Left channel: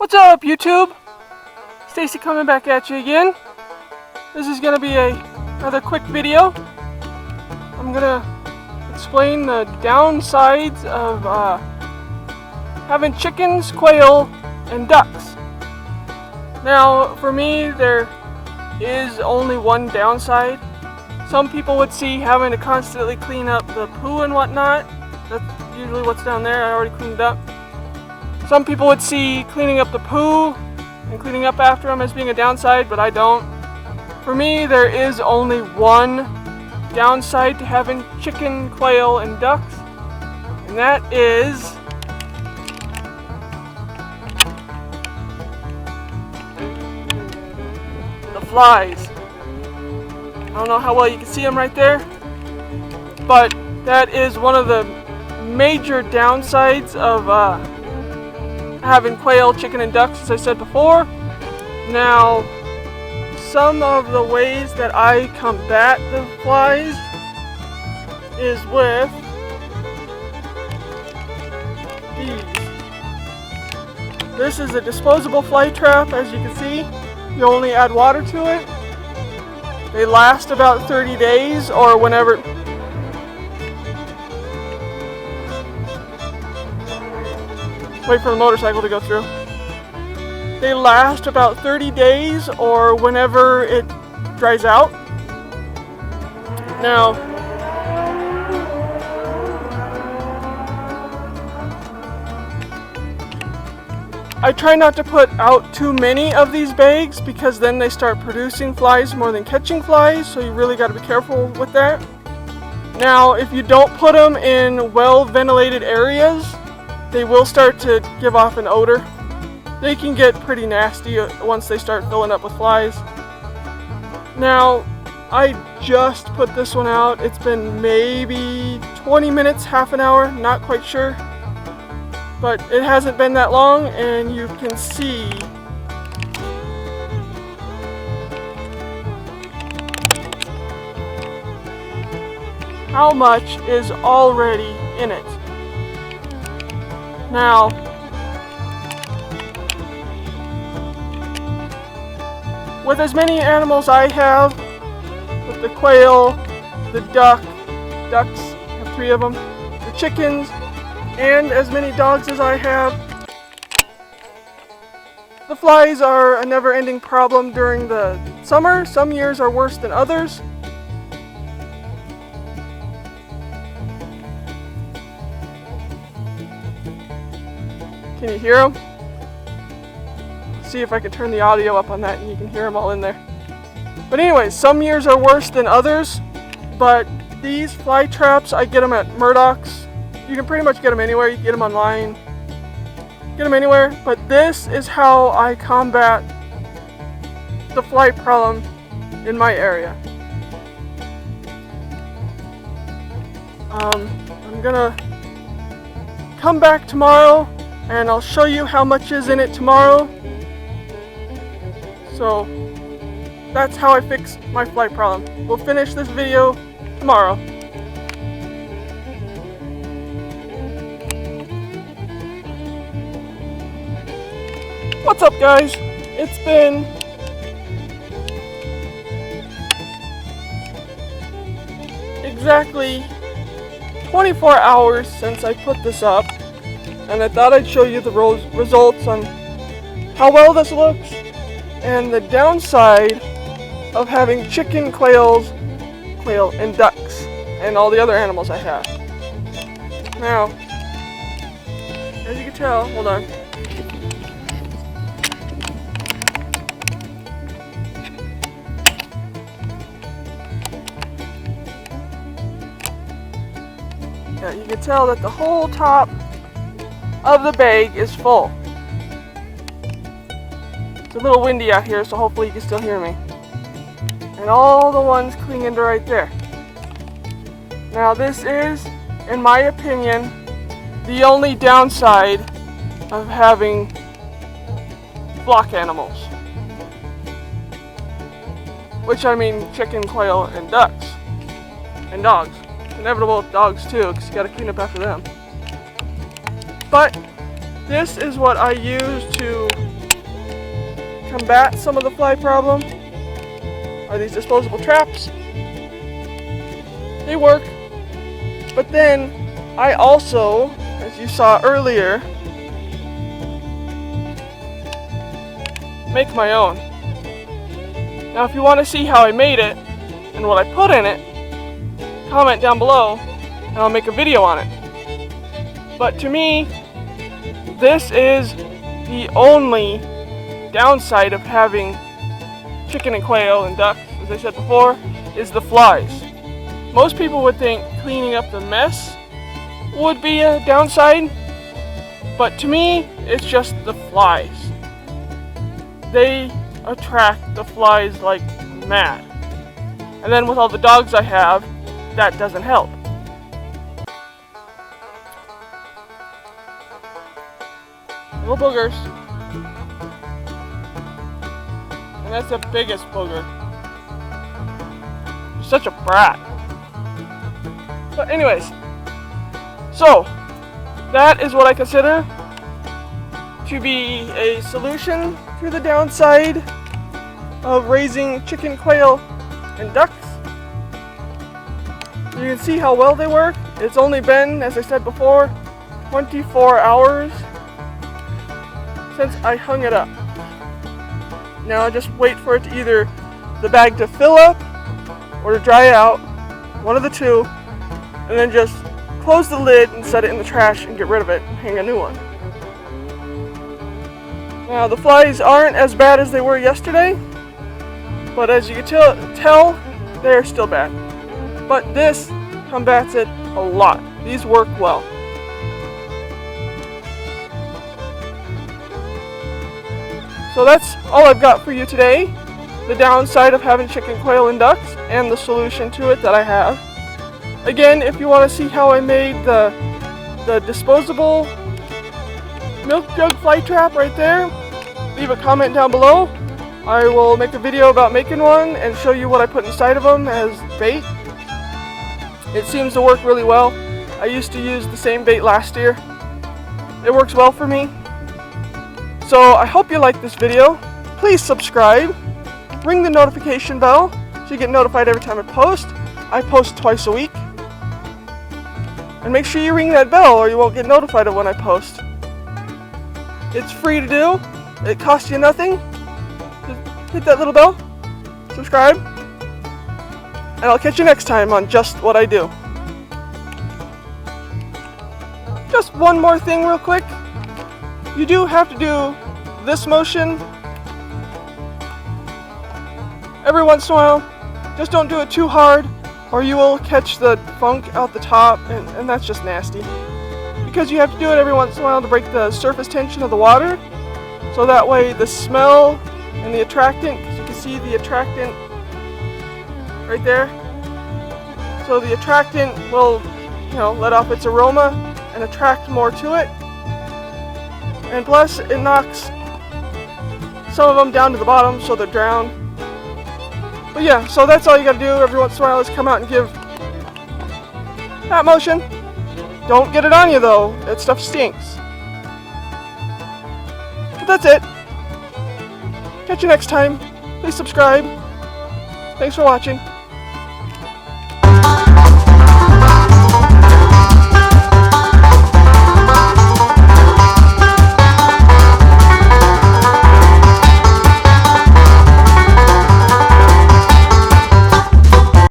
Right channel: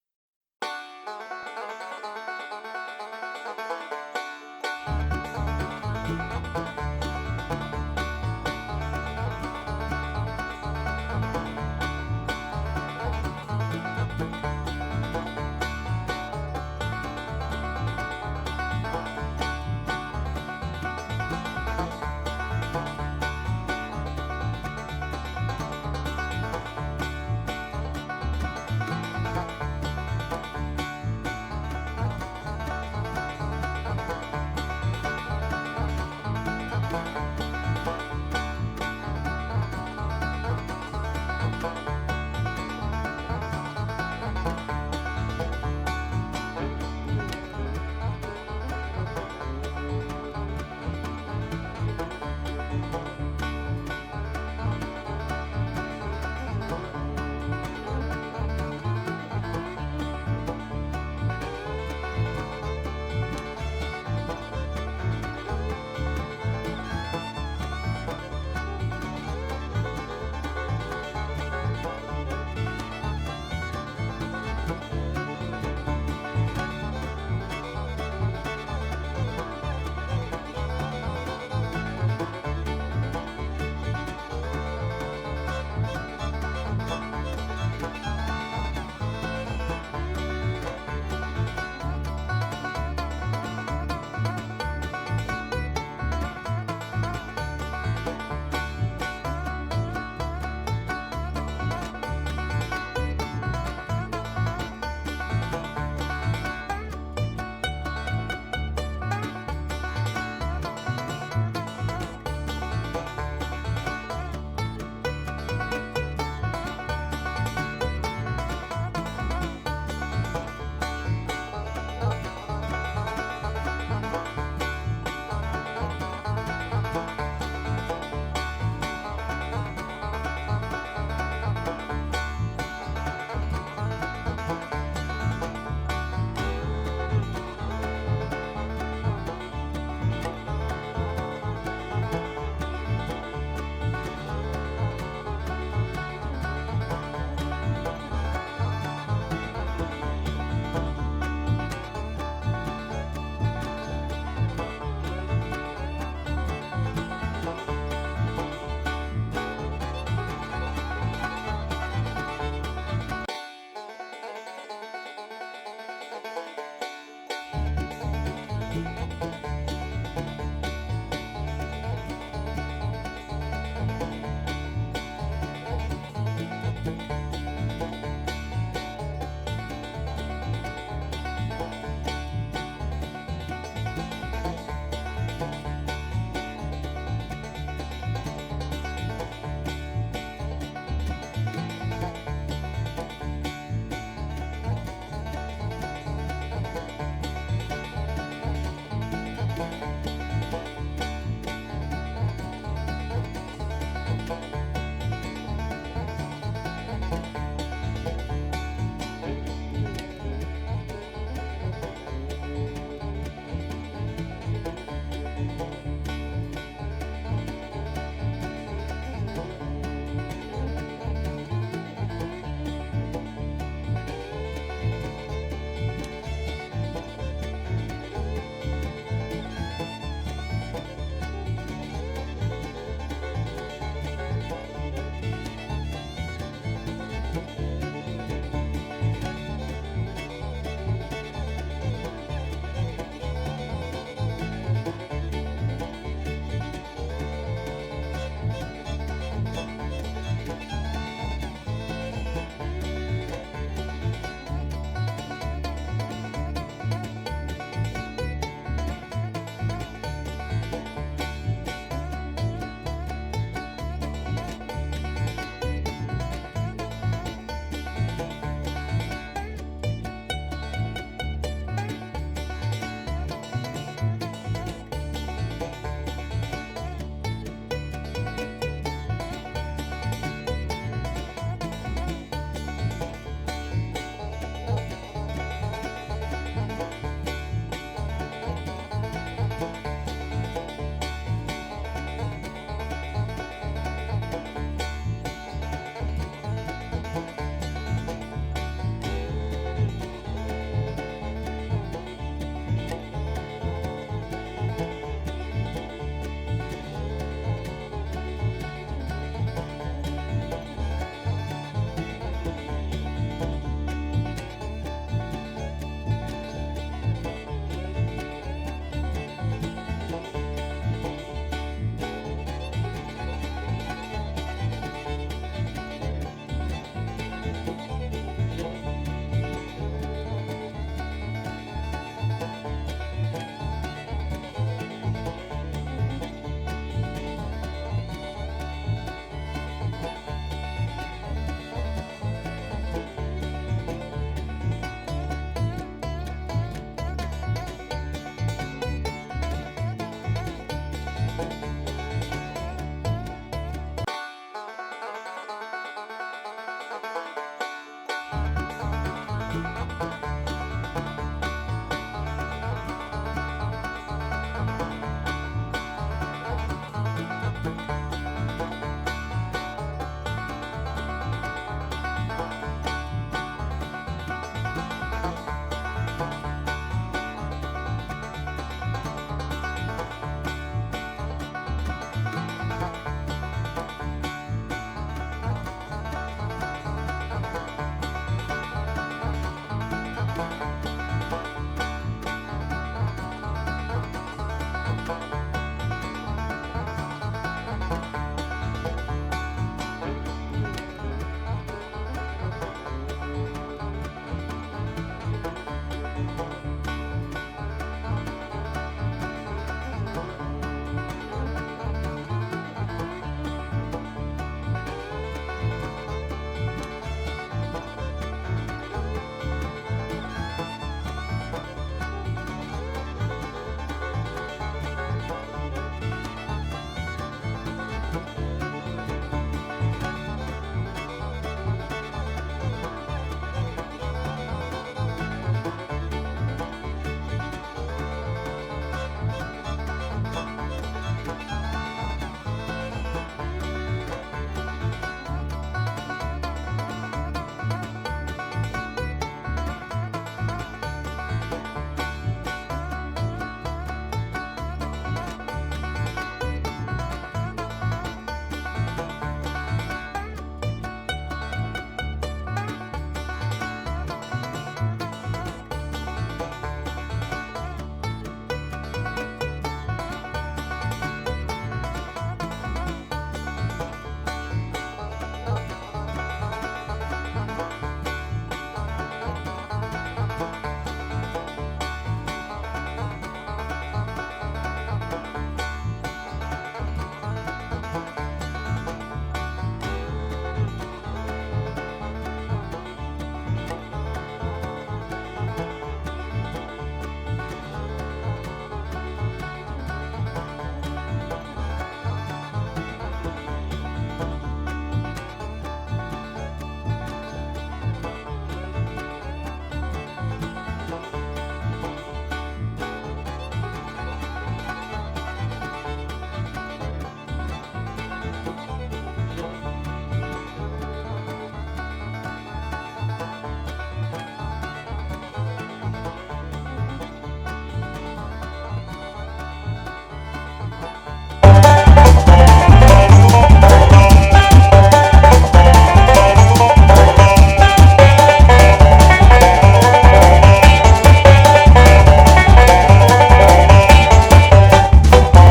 What's up, YouTube? Stacy coming back at you again. This is going to be another quick video. I'm going to explain the downsides of having chickens, quail, and ducks. Now, for me, there is only one downside. Some people would see having to constantly clean up the poo and whatnot. That's usually what's down there. I already cleaned up. Some people would see cleaning up the poo and cleaning up after them as being a downside, but I don't. For me, there is only one downside to having chicken, quail, and ducks, and that is the flies. I don't know how well you can see them right there, but that is one of the major downsides of having quail, chicken, and ducks, as I said before. Now, some of the ways that I combat the flies is with these. This is a disposable fly trap, as you can see. You only add water to it. They last about 30 days or whenever. Wait for the motorcycle to go through. They last about 30 days or whenever it dries out. Now, I try not to put out too many of these bags because then they start producing flies more than catching flies, so you really got to be careful with that. Now, if you don't put them in well-ventilated areas, they will start to give off an odor. They can get pretty nasty once they start filling up with flies. Now, I just put this one out. It's been maybe 20 minutes, half an hour, not quite sure. But it hasn't been that long, and you can see how much is already in it. Now, with as many animals I have, with the quail, the ducks, I have 3 of them, the chickens, and as many dogs as I have, the flies are a never-ending problem during the summer. Some years are worse than others. Can you hear them? See if I can turn the audio up on that and you can hear them all in there. But anyways, some years are worse than others, but these fly traps, I get them at Murdoch's. You can pretty much get them anywhere. You can get them online, get them anywhere, but this is how I combat the fly problem in my area. I'm gonna come back tomorrow and I'll show you how much is in it tomorrow. So that's how I fix my fly problem. We'll finish this video tomorrow. What's up, guys? It's been exactly 24 hours since I put this up, and I thought I'd show you the results on how well this looks and the downside of having chicken, quail, and ducks, and all the other animals I have. Now, as you can tell, hold on. Now, you can tell that the whole top of the bag is full. It's a little windy out here, so hopefully you can still hear me. And all the ones clinging to right there. Now this is, in my opinion, the only downside of having flock animals. Which I mean chicken, quail, and ducks. And dogs. Inevitable dogs too, because you gotta clean up after them. But this is what I use to combat some of the fly problem are these disposable traps. They work, but then I also, as you saw earlier, make my own. Now if you want to see how I made it and what I put in it, comment down below and I'll make a video on it. But to me, this is the only downside of having chicken and quail and duck, as I said before, is the flies. Most people would think cleaning up the mess would be a downside, but to me, it's just the flies. They attract the flies like mad. And then with all the dogs I have, that doesn't help. Little boogers. And that's the biggest booger. Such a brat. But anyways, so that is what I consider to be a solution to the downside of raising chicken, quail, and ducks. You can see how well they work. It's only been, as I said before, 24 hours since I hung it up. Now I just wait for it to either the bag to fill up or to dry out, one of the two, and then just close the lid and set it in the trash and get rid of it and hang a new one. Now the flies aren't as bad as they were yesterday, but as you can tell, they're still bad. But this combats it a lot. These work well. So that's all I've got for you today. The downside of having chicken, quail, and ducks, and the solution to it that I have. Again, if you want to see how I made the disposable milk jug fly trap right there, leave a comment down below. I will make a video about making one and show you what I put inside of them as bait. It seems to work really well. I used to use the same bait last year. It works well for me. So I hope you like this video. Please subscribe. Ring the notification bell so you get notified every time I post. I post twice a week. And make sure you ring that bell or you won't get notified of when I post. It's free to do. It costs you nothing. Just hit that little bell. Subscribe. And I'll catch you next time on Just What I Do. Just one more thing real quick. You do have to do this motion every once in a while. Just don't do it too hard or you will catch the funk out the top and that's just nasty. Because you have to do it every once in a while to break the surface tension of the water. So that way the smell and the attractant, because you can see the attractant right there. So the attractant will, let off its aroma and attract more to it. And plus it knocks some of them down to the bottom so they're drowned. But yeah, so that's all you gotta do every once in a while is come out and give that motion. Don't get it on you though, that stuff stinks. But that's it. Catch you next time. Please subscribe. Thanks for watching.